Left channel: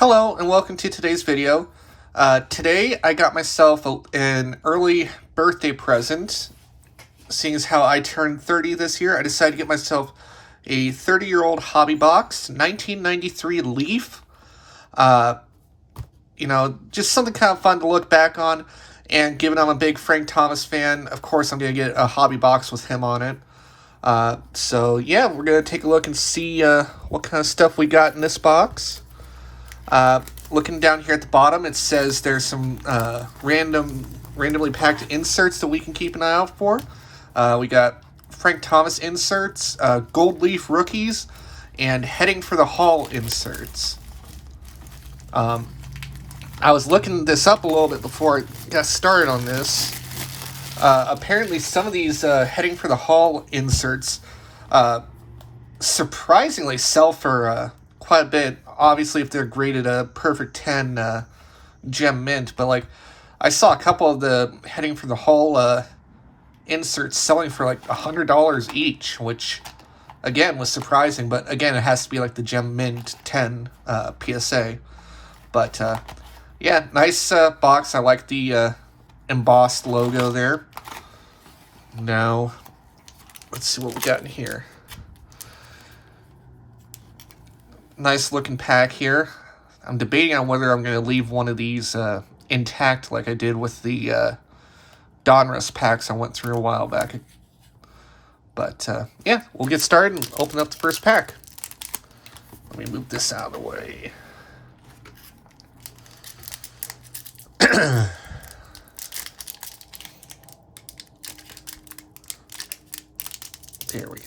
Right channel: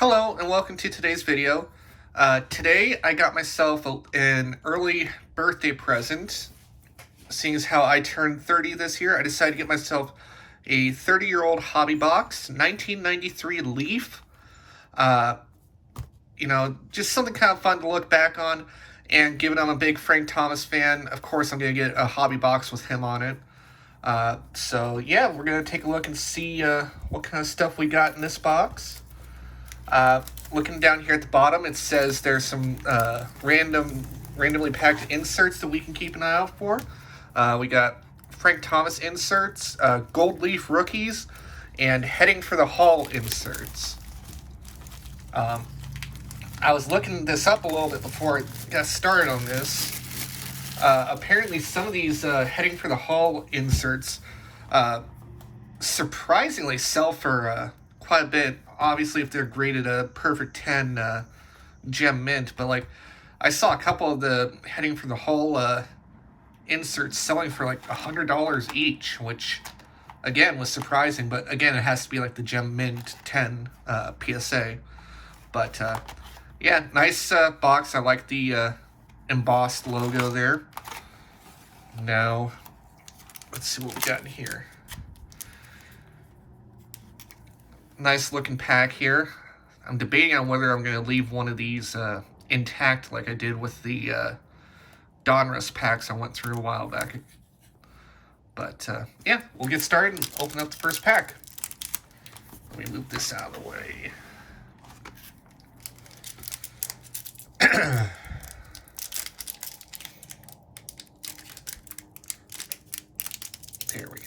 Hello and welcome to today's video. Today I got myself an early birthday present. Seeing as how I turned 30 this year, I decided to get myself a 30-year-old hobby box, 1993 Leaf. Just something kind of fun to look back on. And given I'm a big Frank Thomas fan, of course I'm going to get a hobby box with him on it. So yeah, we're going to take a look and see what kind of stuff we got in this box. Looking down here at the bottom, it says there's some randomly packed inserts that we can keep an eye out for. We got Frank Thomas inserts, Gold Leaf rookies, and Heading for the Hall inserts. I was looking this up a little bit before I got started on this. Apparently some of these Heading for the Hall inserts surprisingly sell for quite a bit. Obviously, if they're graded a perfect 10 gem mint, but like I saw a couple of the Heading for the Hall inserts selling for like $100 each, which again was surprising. But again, it has to be like the gem mint 10 PSA. But yeah, nice box. I like the embossed logo there. Now, let's see what we got in here. Nice looking pack here. I'm debating on whether I'm going to leave one of these intact like I did with the Donruss packs I went through a while back. But yeah, we'll get started and open up the first pack. Let me move this out of the way. There we go.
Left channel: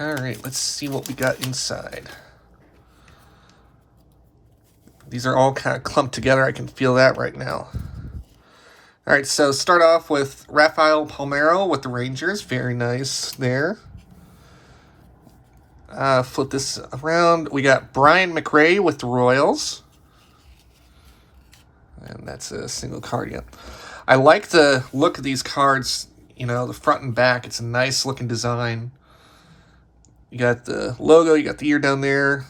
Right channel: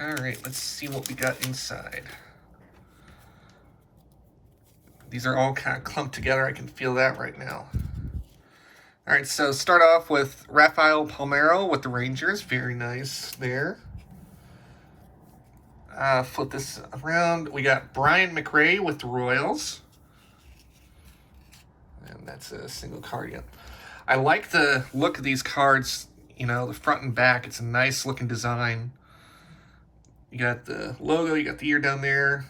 Alright, let's see what we got inside. These are all kind of clumped together. I can feel that right now. Alright, so start off with Rafael Palmeiro with the Rangers. Very nice there. Flip this around. We got Brian McRae with the Royals. And that's a single card, yep. I like the look of these cards, you know, the front and back. It's a nice looking design. You got the logo, you got the ear down there.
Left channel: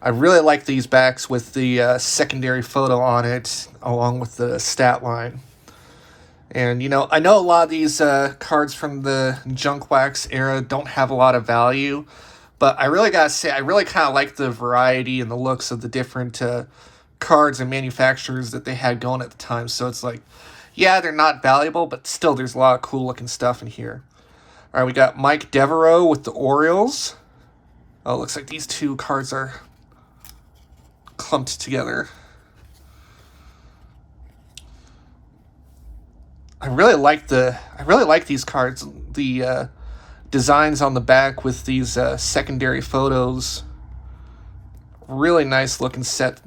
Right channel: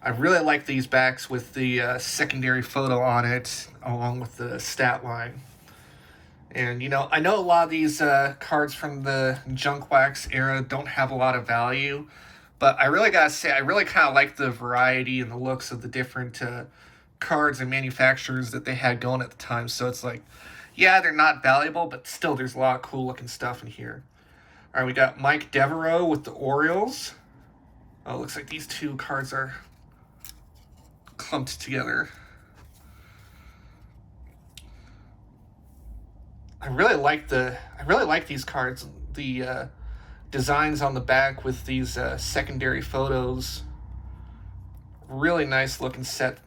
I really like these backs with the secondary photo on it, along with the stat line. And, you know, I know a lot of these cards from the Junk Wax era don't have a lot of value, but I really gotta say, I really kind of like the variety and the looks of the different cards and manufacturers that they had going at the time. So it's like, yeah, they're not valuable, but still there's a lot of cool looking stuff in here. All right, we got Mike Devereaux with the Orioles. Oh, it looks like these two cards are clumped together. I really like these cards. The designs on the back with these secondary photos. Really nice looking set.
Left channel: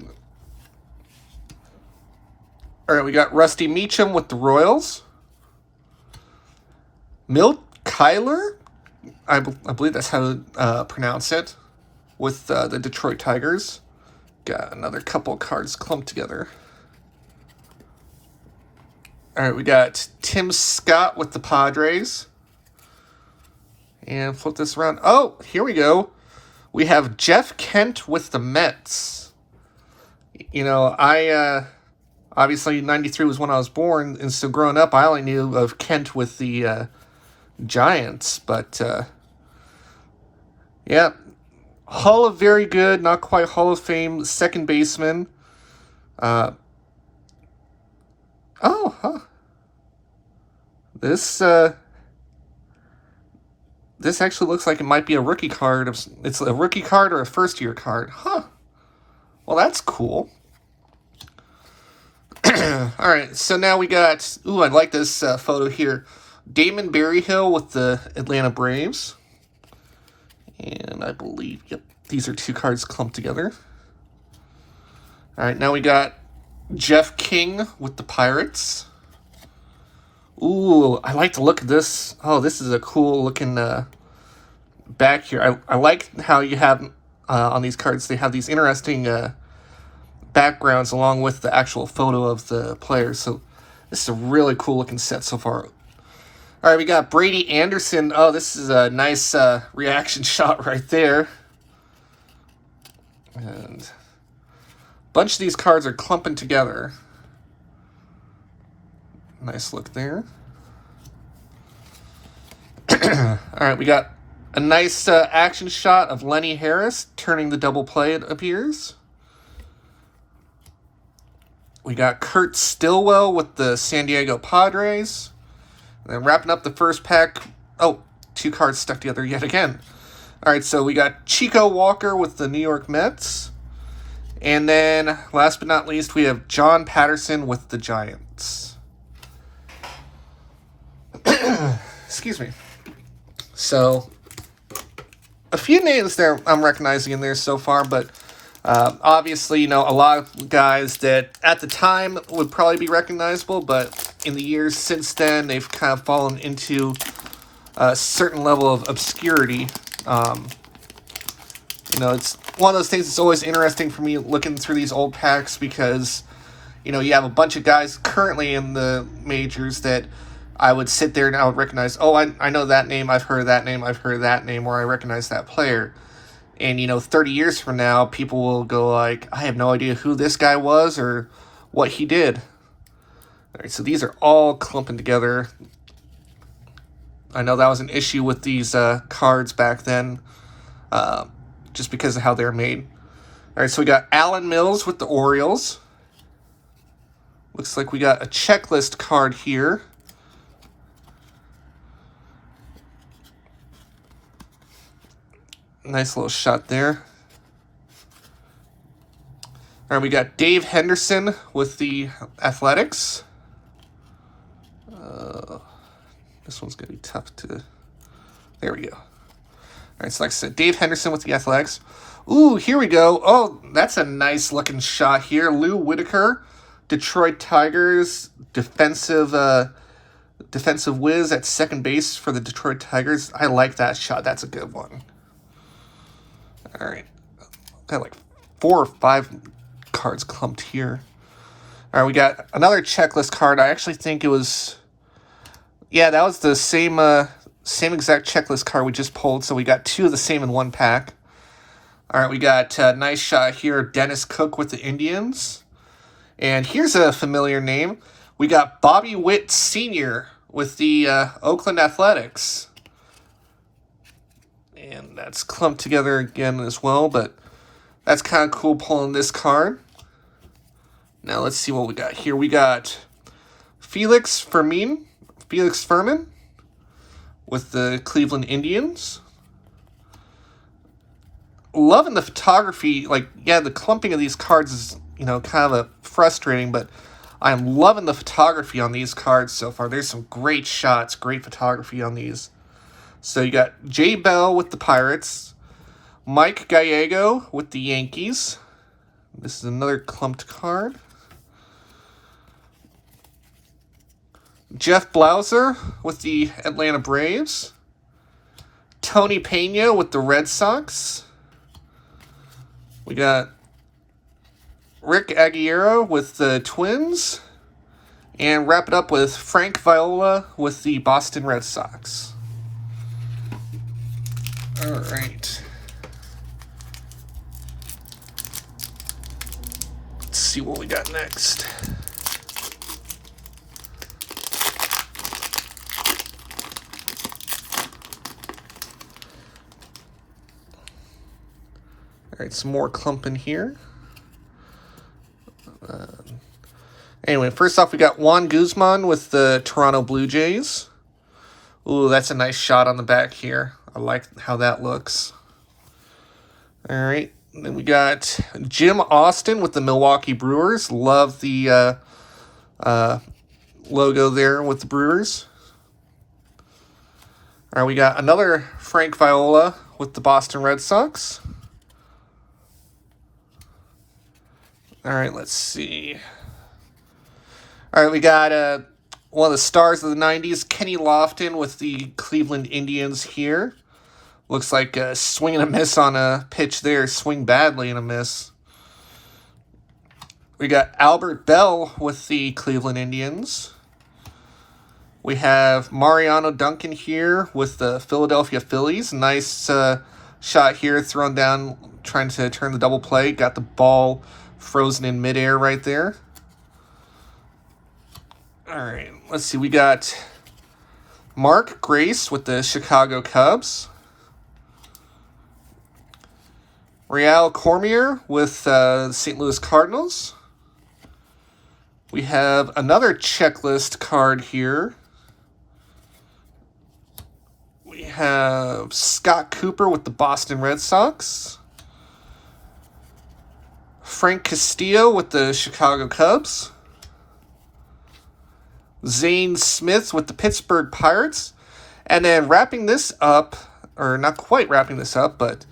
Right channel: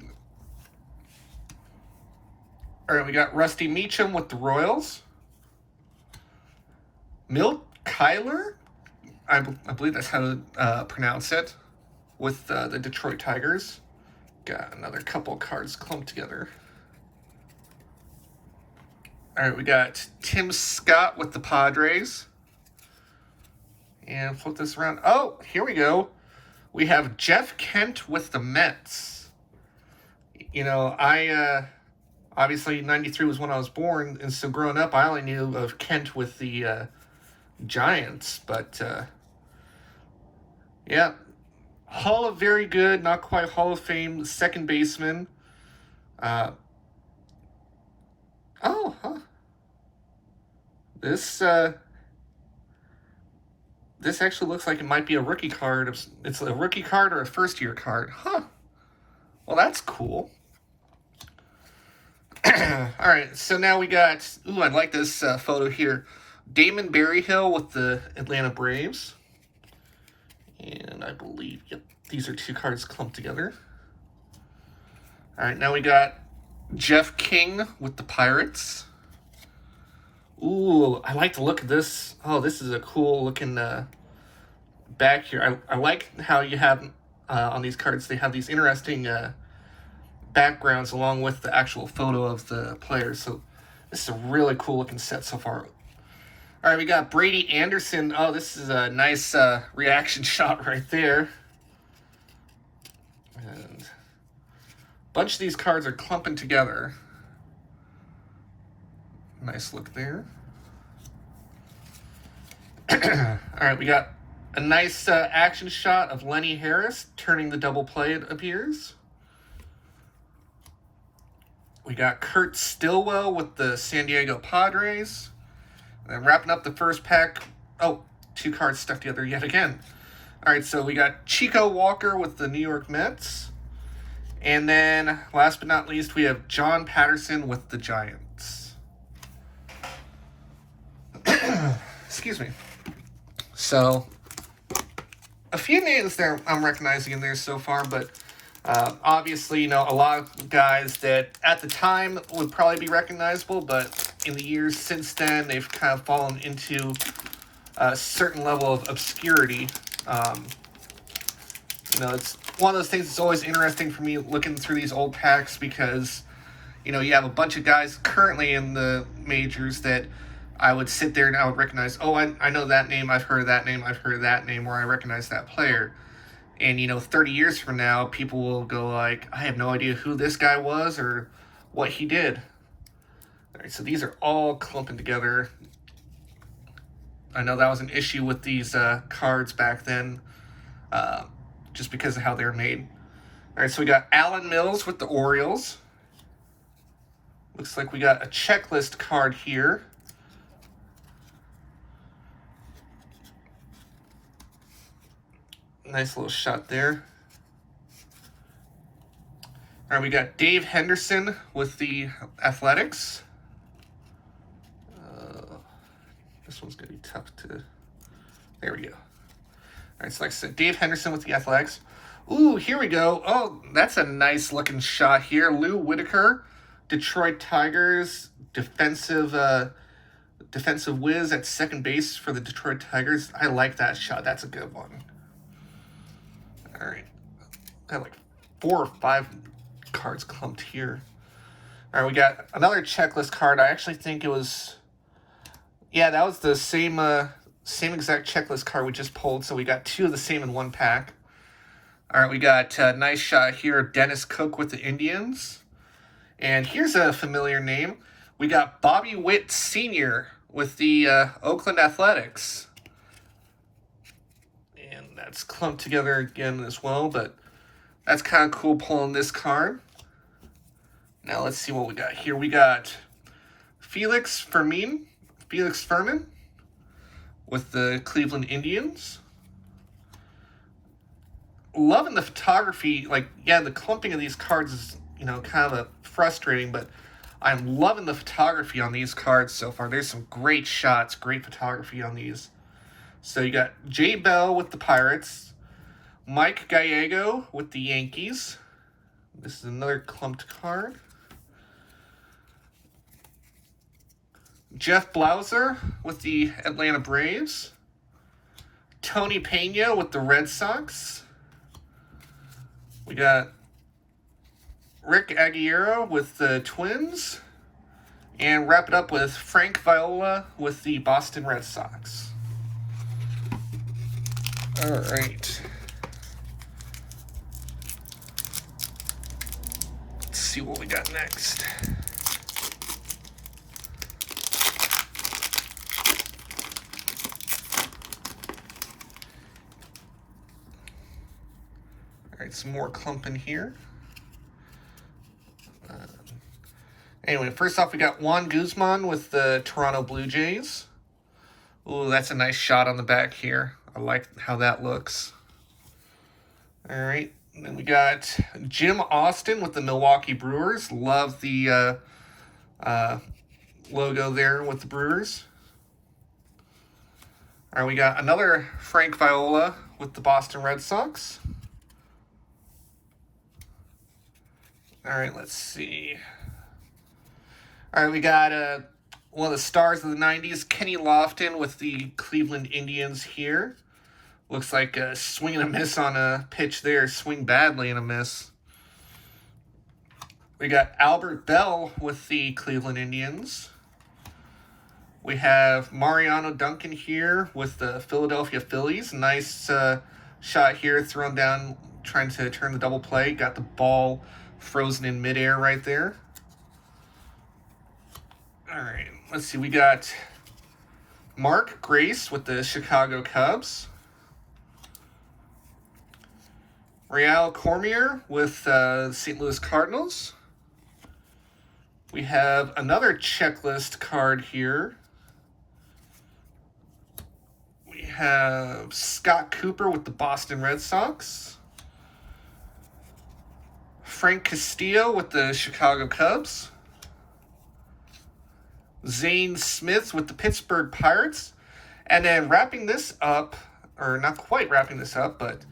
All right, we got Rusty Meacham with the Royals. Milt Kyler, I believe that's how to pronounce it, with the Detroit Tigers. Got another couple cards clumped together. All right, we got Tim Scott with the Padres. And flip this around. Oh, here we go. We have Jeff Kent with the Mets. You know, obviously 93 was when I was born, and so growing up, I only knew of Kent with the Giants, but yeah, Hall of Very Good, not quite Hall of Fame, second baseman. This actually looks like it might be a rookie card. It's a rookie card or a first year card, huh? Well, that's cool. All right, so now we got. Ooh, I like this photo here. Damon Berryhill with the Atlanta Braves. And I believe, yep, these are two cards clumped together. All right, now we got Jeff King with the Pirates. Ooh, I like the look of this. Oh, this is a cool looking back here. I like how you have, on these cards, they have these interesting backgrounds along with the actual photo of the players. So this is a really cool looking set so far. All right, we got Brady Anderson. Oh, this is a nice reaction shot right there. And a bunch of these cards are clumping together. Nice look there. All right, we got a nice action shot of Lenny Harris turning the double play, it appears. We got Kurt Stillwell with the San Diego Padres. And then wrapping up the first pack. Oh, two cards stuck together yet again. All right, so we got Chico Walker with the New York Mets. And then, last but not least, we have John Patterson with the Giants. Excuse me. So, a few names there I'm recognizing in there so far, but obviously, you know, a lot of guys that at the time would probably be recognizable, but in the years since then, they've kind of fallen into a certain level of obscurity. You know, it's one of those things that's always interesting for me looking through these old packs because, you know, you have a bunch of guys currently in the majors that I would sit there and I would recognize, oh, I know that name, I've heard that name, I've heard that name, or I recognize that player. And, you know, 30 years from now, people will go like, I have no idea who this guy was or what he did. All right, so these are all clumping together. I know that was an issue with these cards back then, just because of how they're made. All right, so we got Alan Mills with the Orioles. Looks like we got a checklist card here. Nice little shot there. All right, we got Dave Henderson with the Athletics. This one's going to be tough to... There we go. All right, so like I said, Dave Henderson with the Athletics. Ooh, here we go. Oh, that's a nice looking shot here. Lou Whitaker, Detroit Tigers, defensive whiz at second base for the Detroit Tigers. I like that shot. That's a good one. All right. Got like 4 or 5 cards clumped here. All right, we got another checklist card. I actually think it was... Yeah, that was the same exact checklist card we just pulled, so we got 2 of the same in one pack. All right, we got a nice shot here, Dennis Cook with the Indians. And here's a familiar name. We got Bobby Witt Sr. with the Oakland Athletics. And that's clumped together again as well, but that's kind of cool pulling this card. Now let's see what we got here. We got Felix Fermin with the Cleveland Indians. Loving the photography. Like, yeah, the clumping of these cards is, you know, kind of frustrating, but I'm loving the photography on these cards so far. There's some great shots, great photography on these. So you got Jay Bell with the Pirates, Mike Gallego with the Yankees. This is another clumped card. Jeff Blauser with the Atlanta Braves. Tony Pena with the Red Sox. We got Rick Aguirre with the Twins. And wrap it up with Frank Viola with the Boston Red Sox. All right. Let's see what we got next. All right, some more clumping here. Anyway, first off, we got Juan Guzman with the Toronto Blue Jays. Ooh, that's a nice shot on the back here. I like how that looks. All right, then we got Jim Austin with the Milwaukee Brewers. Love the logo there with the Brewers. All right, we got another Frank Viola with the Boston Red Sox. All right, let's see. All right, we got one of the stars of the 90s, Kenny Lofton with the Cleveland Indians here. Looks like a swing and a miss on a pitch there. Swing badly and a miss. We got Albert Bell with the Cleveland Indians. We have Mariano Duncan here with the Philadelphia Phillies. Nice shot here, thrown down, trying to turn the double play. Got the ball frozen in midair right there. All right, let's see. We got Mark Grace with the Chicago Cubs. Real Cormier with St. Louis Cardinals. We have another checklist card here. We have Scott Cooper with the Boston Red Sox. Frank Castillo with the Chicago Cubs. Zane Smith with the Pittsburgh Pirates. And then wrapping this up, or not quite wrapping this up, but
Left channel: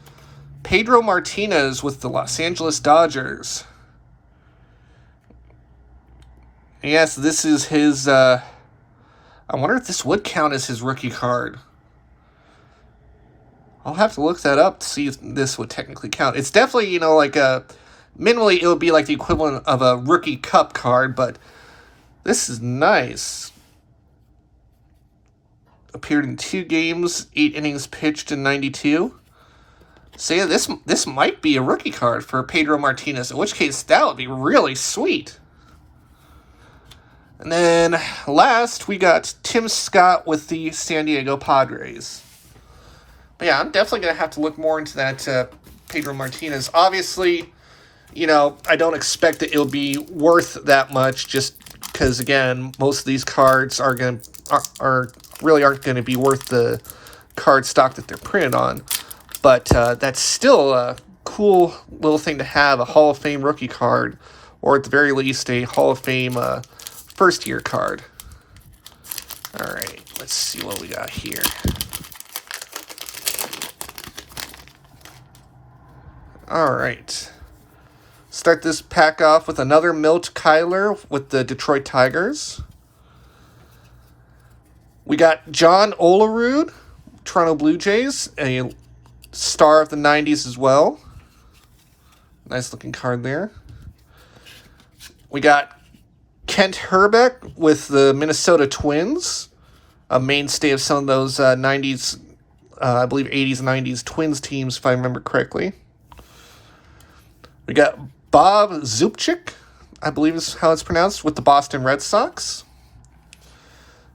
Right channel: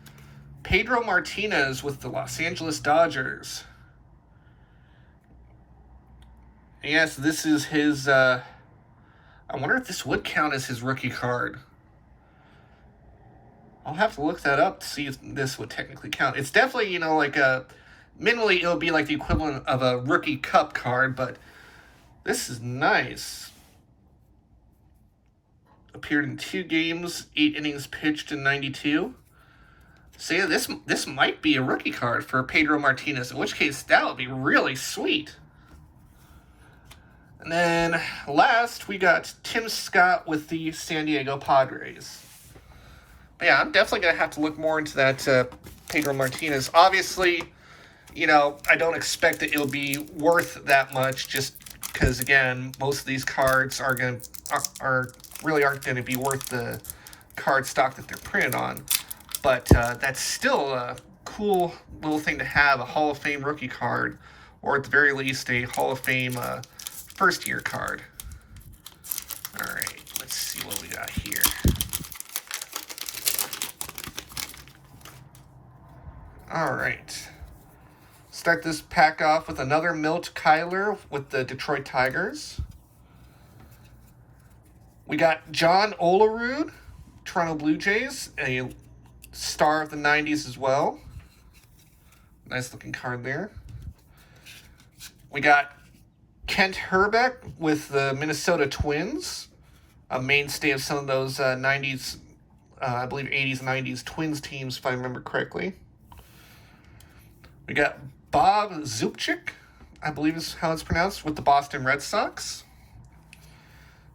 Pedro Martinez with the Los Angeles Dodgers. Yes, this is his, I wonder if this would count as his rookie card. I'll have to look that up to see if this would technically count. It's definitely, like minimally it would be like the equivalent of a rookie cup card, but this is nice. Appeared in 2 games, 8 innings pitched in 92. So yeah, this might be a rookie card for Pedro Martinez, in which case that would be really sweet. And then last, we got Tim Scott with the San Diego Padres. But yeah, I'm definitely going to have to look more into that Pedro Martinez. Obviously, I don't expect that it'll be worth that much, just because, again, most of these cards aren't going to be worth the card stock that they're printed on. But that's still a cool little thing to have, a Hall of Fame rookie card, or at the very least a Hall of Fame first-year card. All right, let's see what we got here. All right. Start this pack off with another Milt Kyler with the Detroit Tigers. We got John Olerud, Toronto Blue Jays, a star of the 90s as well. Nice looking card there. We got Kent Hrbek with the Minnesota Twins, a mainstay of some of those 90s, I believe 80s, 90s Twins teams, if I remember correctly. We got Bob Zubchik, I believe is how it's pronounced, with the Boston Red Sox.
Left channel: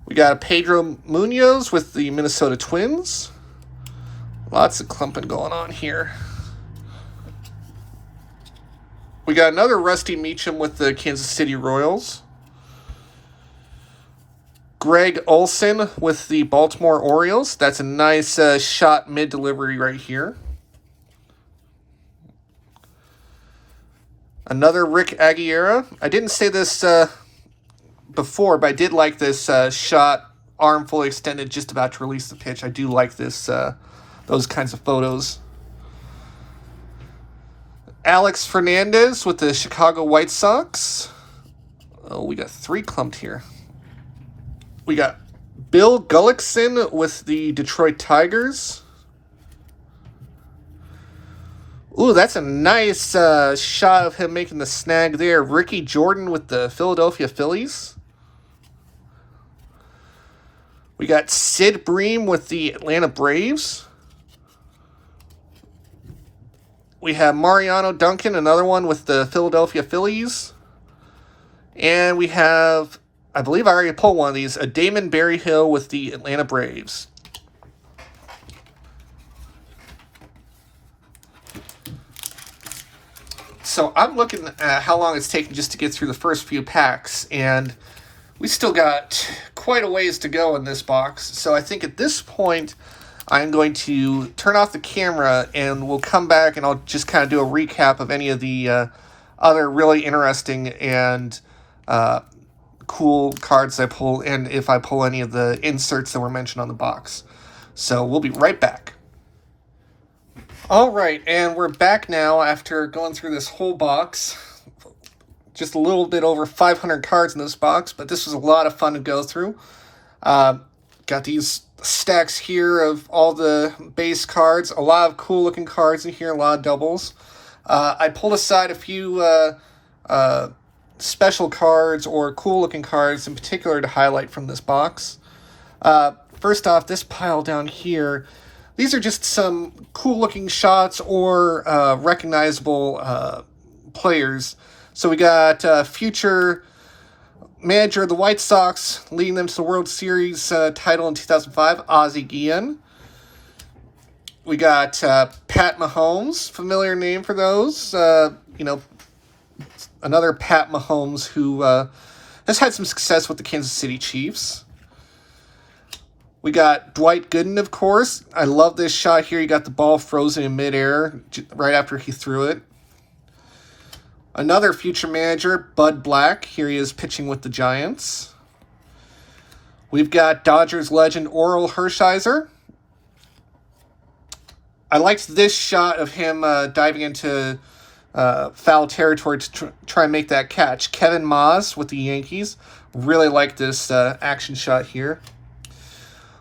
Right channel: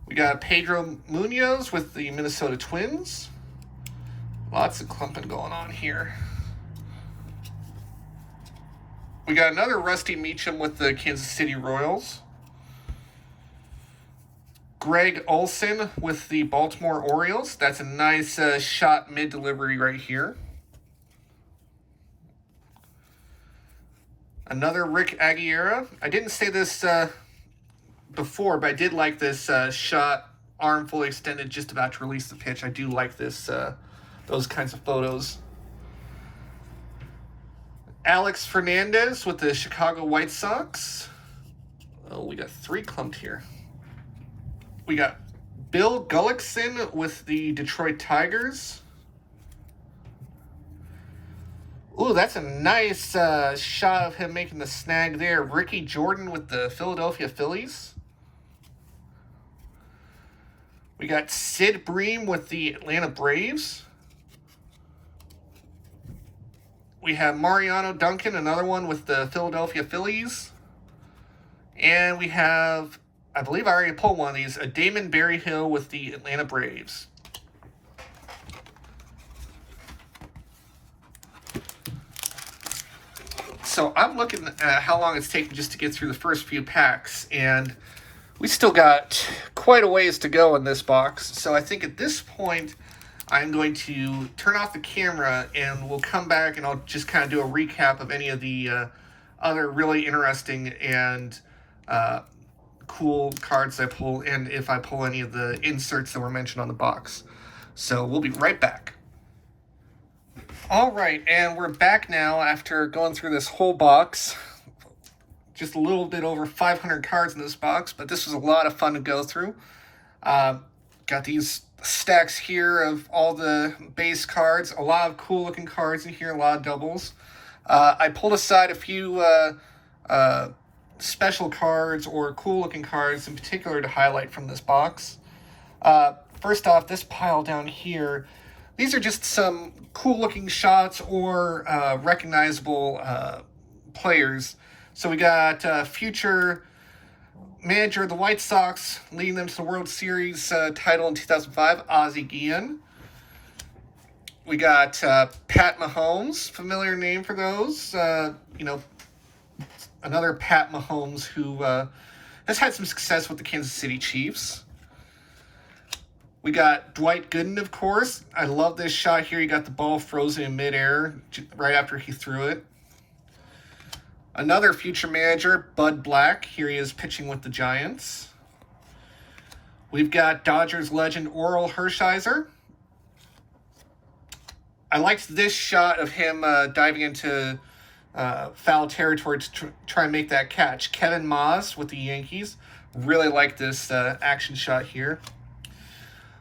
We got Pedro Munoz with the Minnesota Twins. Lots of clumping going on here. We got another Rusty Meacham with the Kansas City Royals. Greg Olson with the Baltimore Orioles. That's a nice shot mid-delivery right here. Another Rick Aguilera. I didn't say this before, but I did like this shot, arm fully extended, just about to release the pitch. I do like this, those kinds of photos. Alex Fernandez with the Chicago White Sox. Oh, we got 3 clumped here. We got Bill Gullickson with the Detroit Tigers. Ooh, that's a nice shot of him making the snag there. Ricky Jordan with the Philadelphia Phillies. We got Sid Bream with the Atlanta Braves. We have Mariano Duncan, another one with the Philadelphia Phillies. And we have, I believe I already pulled one of these, a Damon Berryhill with the Atlanta Braves. So I'm looking at how long it's taken just to get through the first few packs, and we still got quite a ways to go in this box. So I think at this point, I'm going to turn off the camera, and we'll come back, and I'll just kind of do a recap of any of the other really interesting and cool cards I pull, and if I pull any of the inserts that were mentioned on the box. So we'll be right back. All right, and we're back now after going through this whole box. Just a little bit over 500 cards in this box, but this was a lot of fun to go through. Got these stacks here of all the base cards, a lot of cool looking cards in here, a lot of doubles. I pulled aside a few special cards or cool looking cards in particular to highlight from this box. First off, this pile down here, these are just some cool-looking shots or recognizable players. So we got future manager of the White Sox, leading them to the World Series title in 2005, Ozzie Guillen. We got Pat Mahomes, familiar name for those. Another Pat Mahomes who has had some success with the Kansas City Chiefs. We got Dwight Gooden, of course. I love this shot here. You got the ball frozen in midair right after he threw it. Another future manager, Bud Black. Here he is pitching with the Giants. We've got Dodgers legend Orel Hershiser. I liked this shot of him diving into foul territory to try and make that catch. Kevin Maas with the Yankees. Really like this action shot here.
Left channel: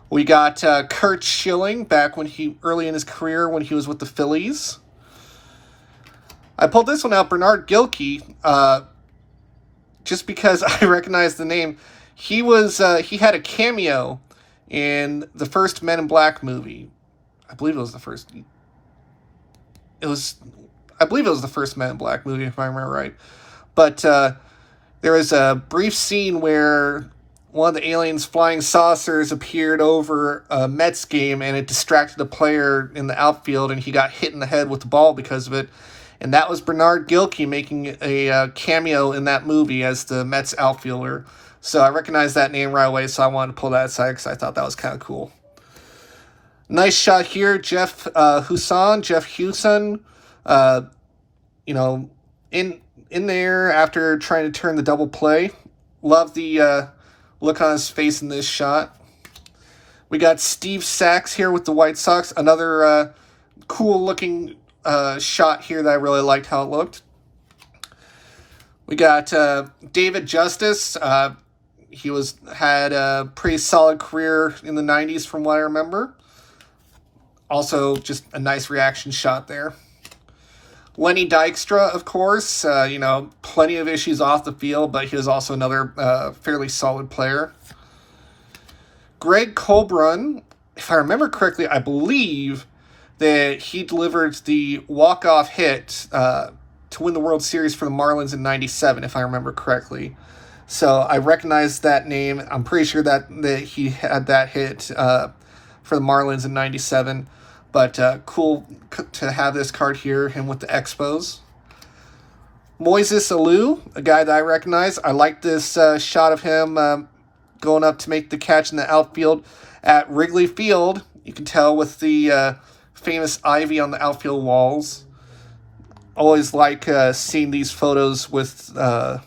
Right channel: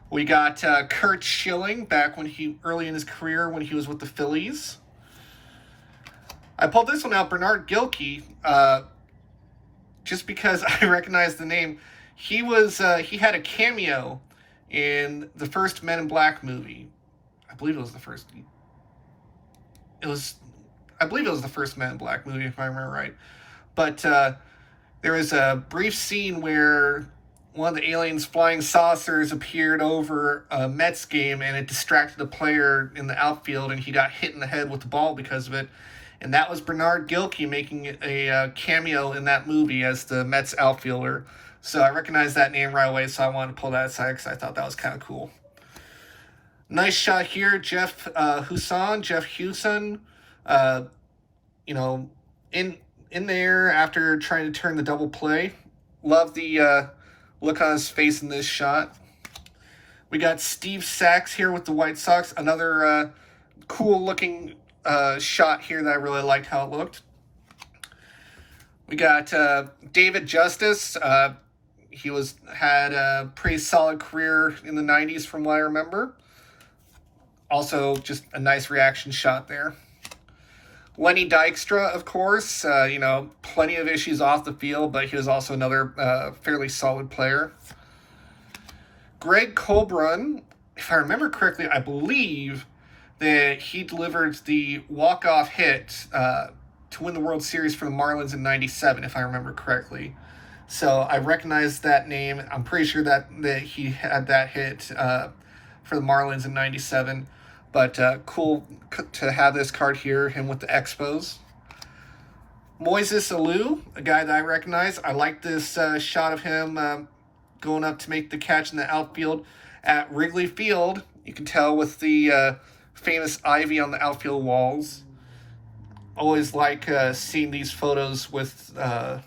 We got Curt Schilling back early in his career when he was with the Phillies. I pulled this one out, Bernard Gilkey, just because I recognize the name. He had a cameo in the first Men in Black movie. I believe it was the first Men in Black movie, if I remember right. But there was a brief scene where one of the aliens' flying saucers appeared over a Mets game, and it distracted a player in the outfield, and he got hit in the head with the ball because of it. And that was Bernard Gilkey making a cameo in that movie as the Mets outfielder. So I recognized that name right away, so I wanted to pull that aside because I thought that was kind of cool. Nice shot here, Jeff Hewson, in there after trying to turn the double play. Love the look on his face in this shot. We got Steve Sax here with the White Sox. Another cool-looking shot here that I really liked how it looked. We got David Justice. He had a pretty solid career in the 90s from what I remember. Also, just a nice reaction shot there. Lenny Dykstra, of course, plenty of issues off the field, but he was also another fairly solid player. Greg Colbrun, if I remember correctly, I believe that he delivered the walk-off hit to win the World Series for the Marlins in 97, if I remember correctly. So I recognize that name. I'm pretty sure that he had that hit for the Marlins in 97. But cool to have this card here, him with the Expos. Moises Alou, a guy that I recognize. I like this shot of him going up to make the catch in the outfield at Wrigley Field. You can tell with the famous ivy on the outfield walls. Always like seeing these photos with the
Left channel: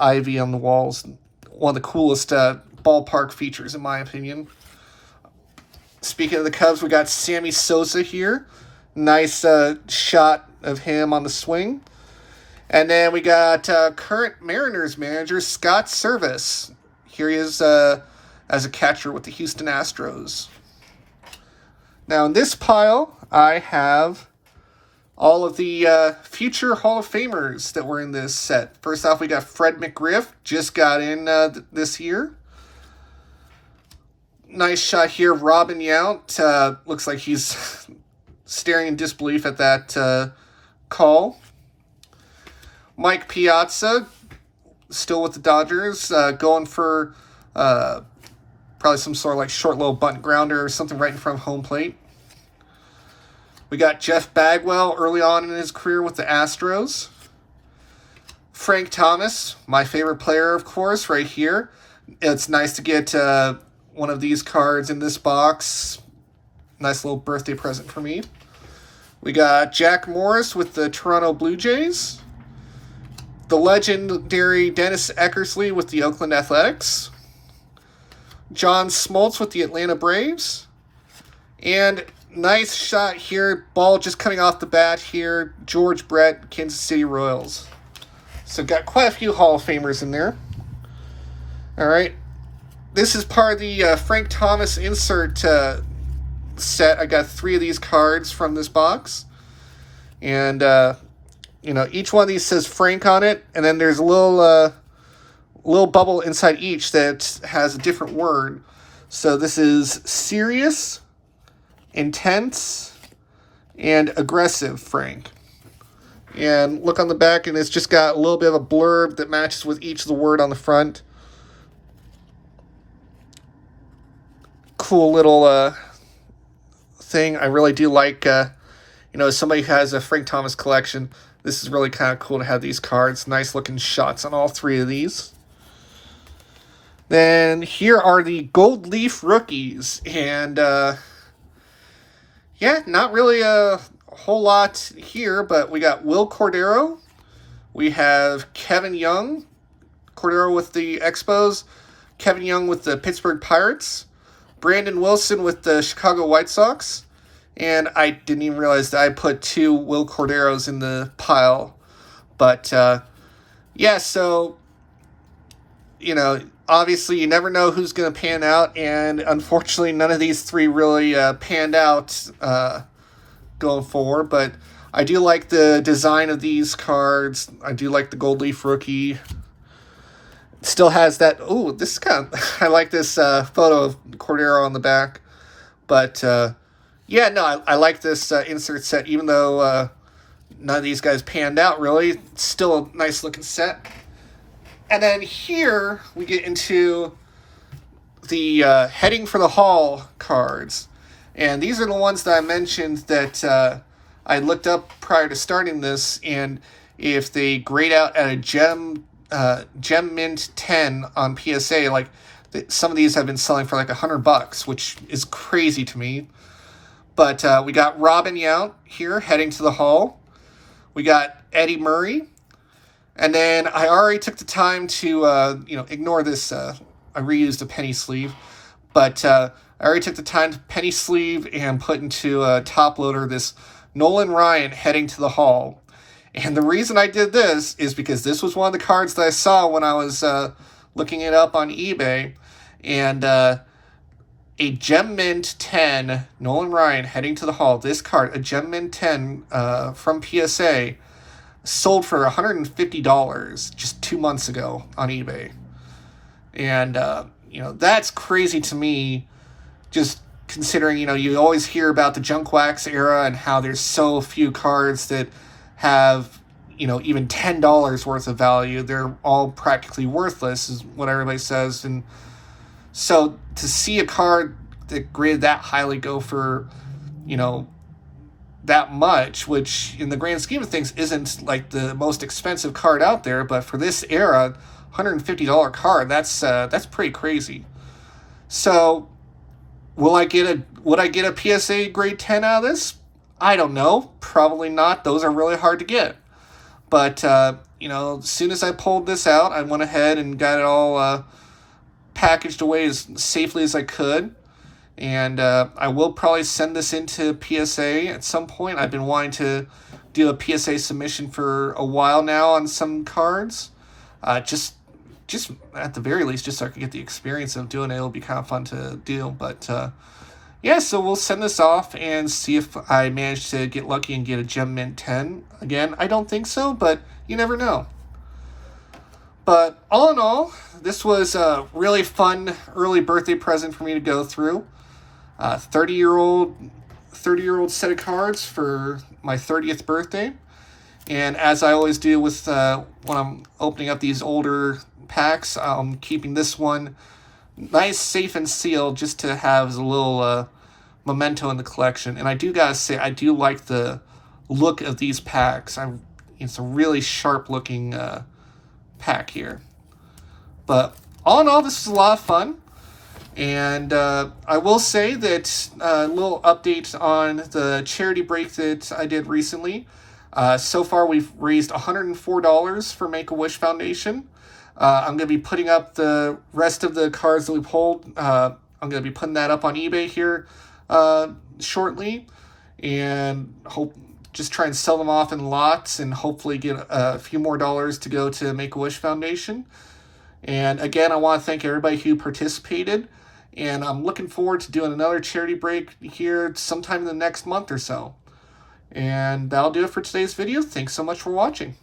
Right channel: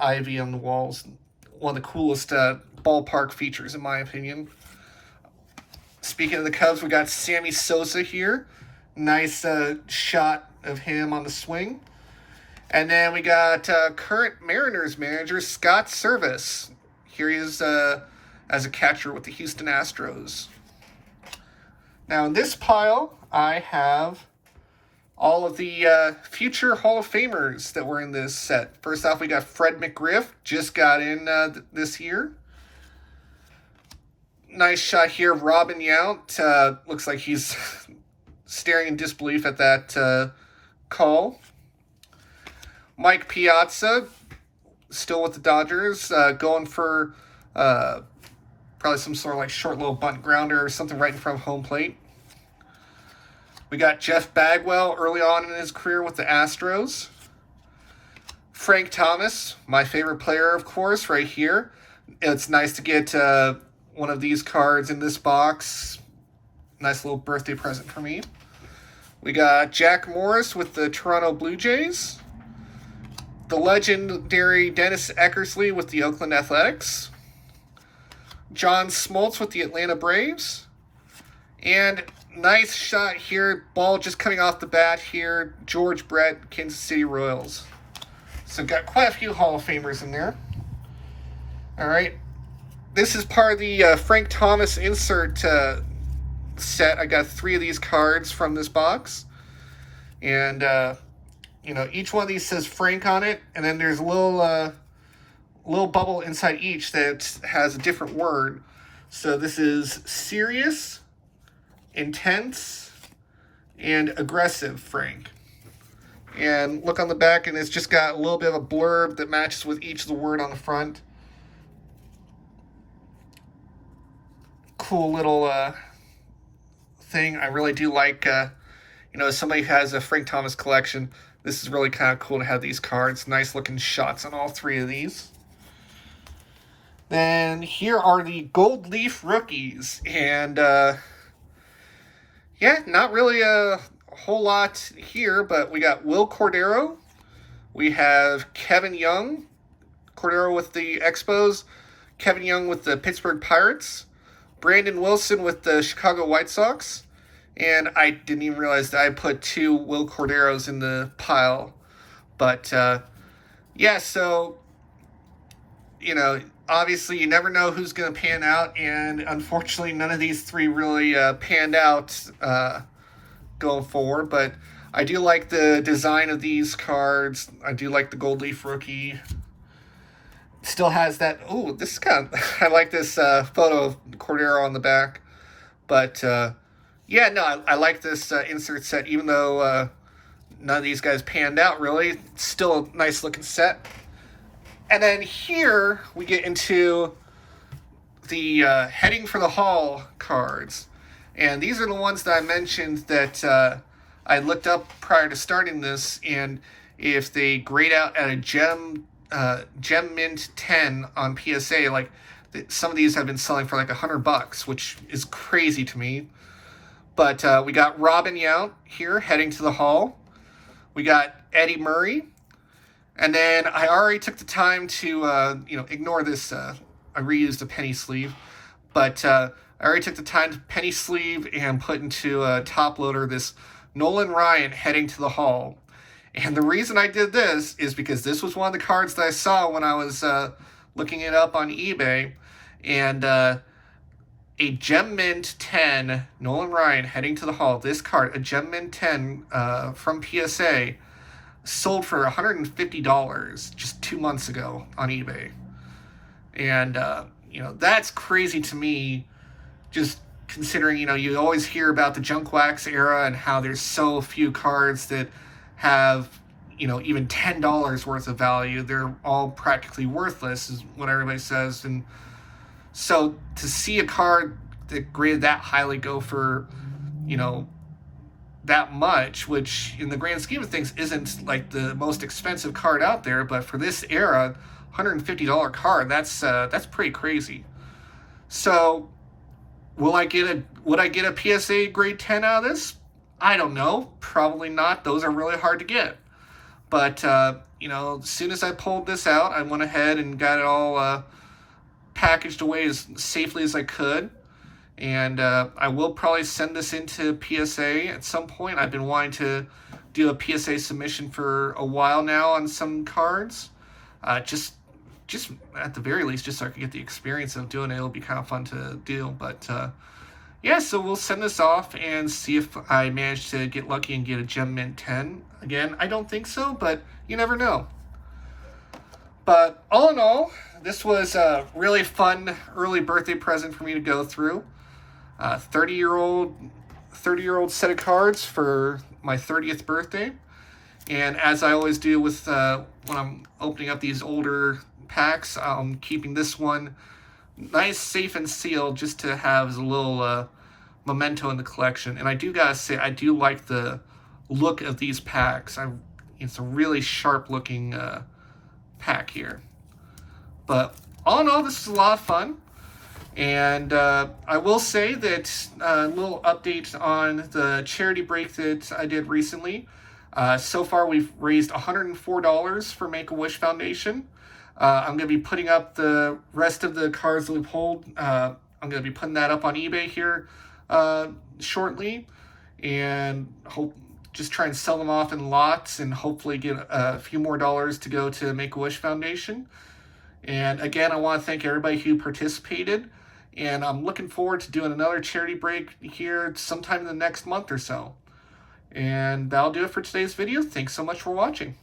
ivy on the walls. One of the coolest ballpark features, in my opinion. Speaking of the Cubs, we got Sammy Sosa here. Nice shot of him on the swing. And then we got current Mariners manager Scott Servais. Here he is as a catcher with the Houston Astros. Now in this pile, I have all of the future Hall of Famers that were in this set. First off, we got Fred McGriff, just got in this year. Nice shot here, Robin Yount. Looks like he's staring in disbelief at that call. Mike Piazza, still with the Dodgers, going for probably some sort of like short little bunt grounder or something right in front of home plate. We got Jeff Bagwell early on in his career with the Astros. Frank Thomas, my favorite player, of course, right here. It's nice to get one of these cards in this box. Nice little birthday present for me. We got Jack Morris with the Toronto Blue Jays. The legendary Dennis Eckersley with the Oakland Athletics. John Smoltz with the Atlanta Braves. And nice shot here. Ball just coming off the bat here. George Brett, Kansas City Royals. So got quite a few Hall of Famers in there. All right. This is part of the Frank Thomas insert set. I got 3 of these cards from this box. And, each one of these says Frank on it. And then there's a little bubble inside each that has a different word. So this is serious, intense, and aggressive Frank. And look on the back, and it's just got a little bit of a blurb that matches with each of the word on the front. Cool little thing. I really do like, you know, as somebody who has a Frank Thomas collection, this is really kind of cool to have these cards. Nice looking shots on all three of these. Then here are the Gold Leaf rookies. And, yeah, not really a whole lot here, but we got Will Cordero. We have Kevin Young. Cordero with the Expos. Kevin Young with the Pittsburgh Pirates. Brandon Wilson with the Chicago White Sox. And I didn't even realize that I put 2 Will Corderos in the pile. But, yeah, so, you know, obviously you never know who's going to pan out. And unfortunately, none of these 3 really panned out going forward. But I do like the design of these cards. I do like the Gold Leaf rookie. Still has that, ooh, this is kind of, I like this photo of Cordero on the back. But, yeah, no, I like this insert set, even though none of these guys panned out, really. It's still a nice-looking set. And then here we get into the Heading for the Hall cards. And these are the ones that I mentioned that I looked up prior to starting this, and if they grade out at a Gem Mint 10 on PSA, like some of these have been selling for like $100, which is crazy to me. But we got Robin Yount here heading to the Hall. We got Eddie Murray. And then I already took the time to, you know, ignore this. I reused a penny sleeve. But I already took the time to penny sleeve and put into a top loader this Nolan Ryan heading to the Hall. And the reason I did this is because this was one of the cards that I saw when I was looking it up on eBay. And a Gem Mint 10, Nolan Ryan heading to the Hall. This card, a Gem Mint 10 from PSA, sold for $150 just 2 months ago on eBay. And, you know, that's crazy to me, just considering, you know, you always hear about the Junk Wax era and how there's so few cards that have, you know, even $10 worth of value. They're all practically worthless, is what everybody says. And so to see a card that graded that highly go for, you know, that much, which in the grand scheme of things isn't like the most expensive card out there, but for this era, $150 card, that's pretty crazy. So would I get a PSA grade 10 out of this? I don't know. Probably not. Those are really hard to get. But, you know, as soon as I pulled this out, I went ahead and got it all packaged away as safely as I could. And I will probably send this into PSA at some point. I've been wanting to do a PSA submission for a while now on some cards. Just at the very least, just so I could get the experience of doing it. It'll be kind of fun to do. But, yeah, so we'll send this off and see if I manage to get lucky and get a Gem Mint 10. Again, I don't think so, but you never know. But all in all, this was a really fun early birthday present for me to go through. 30-year-old set of cards for my 30th birthday. And as I always do with when I'm opening up these older packs, I'm keeping this one nice, safe, and sealed just to have as a little memento in the collection. And I do gotta say, I do like the look of these packs. It's a really sharp looking pack here. But all in all, this is a lot of fun. And I will say that a little update on the charity break that I did recently. So far, we've raised $104 for Make-A-Wish Foundation. I'm going to be putting up the rest of the cards that we pulled. I'm going to be putting that up on eBay here shortly. And just try and sell them off in lots and hopefully get a few more dollars to go to Make-A-Wish Foundation. And again, I want to thank everybody who participated. And I'm looking forward to doing another charity break here sometime in the next month or so. And that'll do it for today's video. Thanks so much for watching.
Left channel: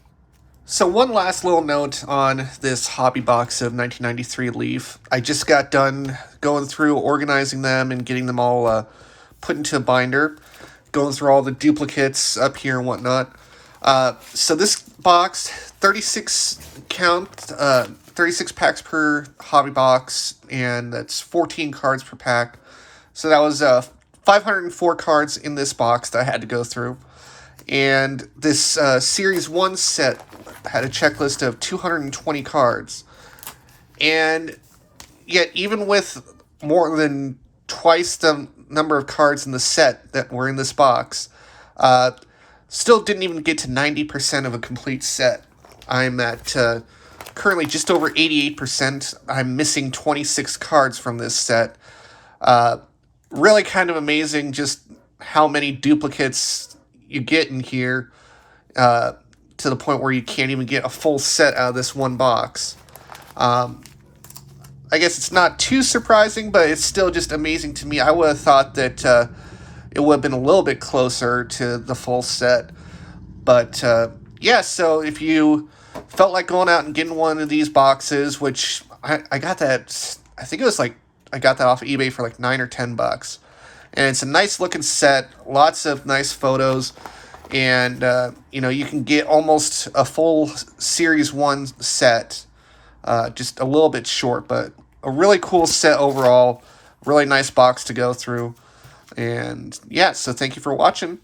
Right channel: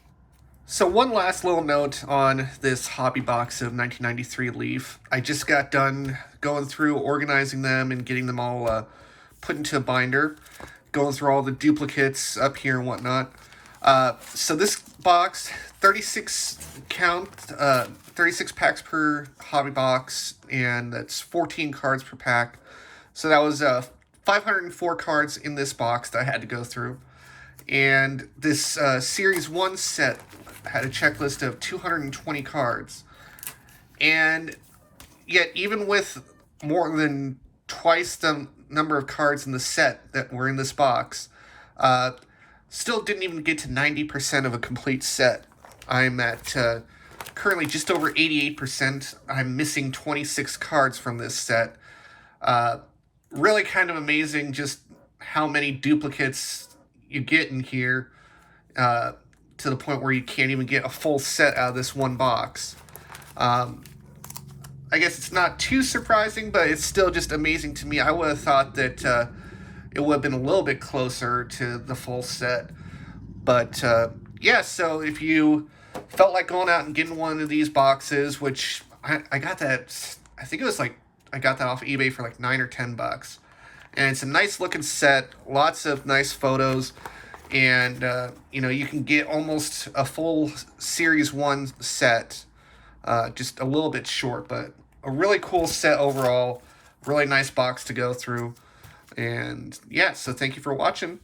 So one last little note on this hobby box of 1993 Leaf. I just got done going through, organizing them, and getting them all put into a binder, going through all the duplicates up here and whatnot. So this box, 36 count, 36 packs per hobby box, and that's 14 cards per pack. So that was 504 cards in this box that I had to go through. And this Series 1 set had a checklist of 220 cards. And yet, even with more than twice the number of cards in the set that were in this box, still didn't even get to 90% of a complete set. I'm at currently just over 88%. I'm missing 26 cards from this set. Really kind of amazing just how many duplicates you get in here, to the point where you can't even get a full set out of this one box. I guess it's not too surprising, but it's still just amazing to me. I would have thought that it would have been a little bit closer to the full set. But yeah, so if you felt like going out and getting one of these boxes, which I got that, I think it was like, I got that off of eBay for like $9 or $10. And it's a nice looking set, lots of nice photos, and you can get almost a full Series 1 set, just a little bit short, but a really cool set overall, really nice box to go through. And yeah, so thank you for watching.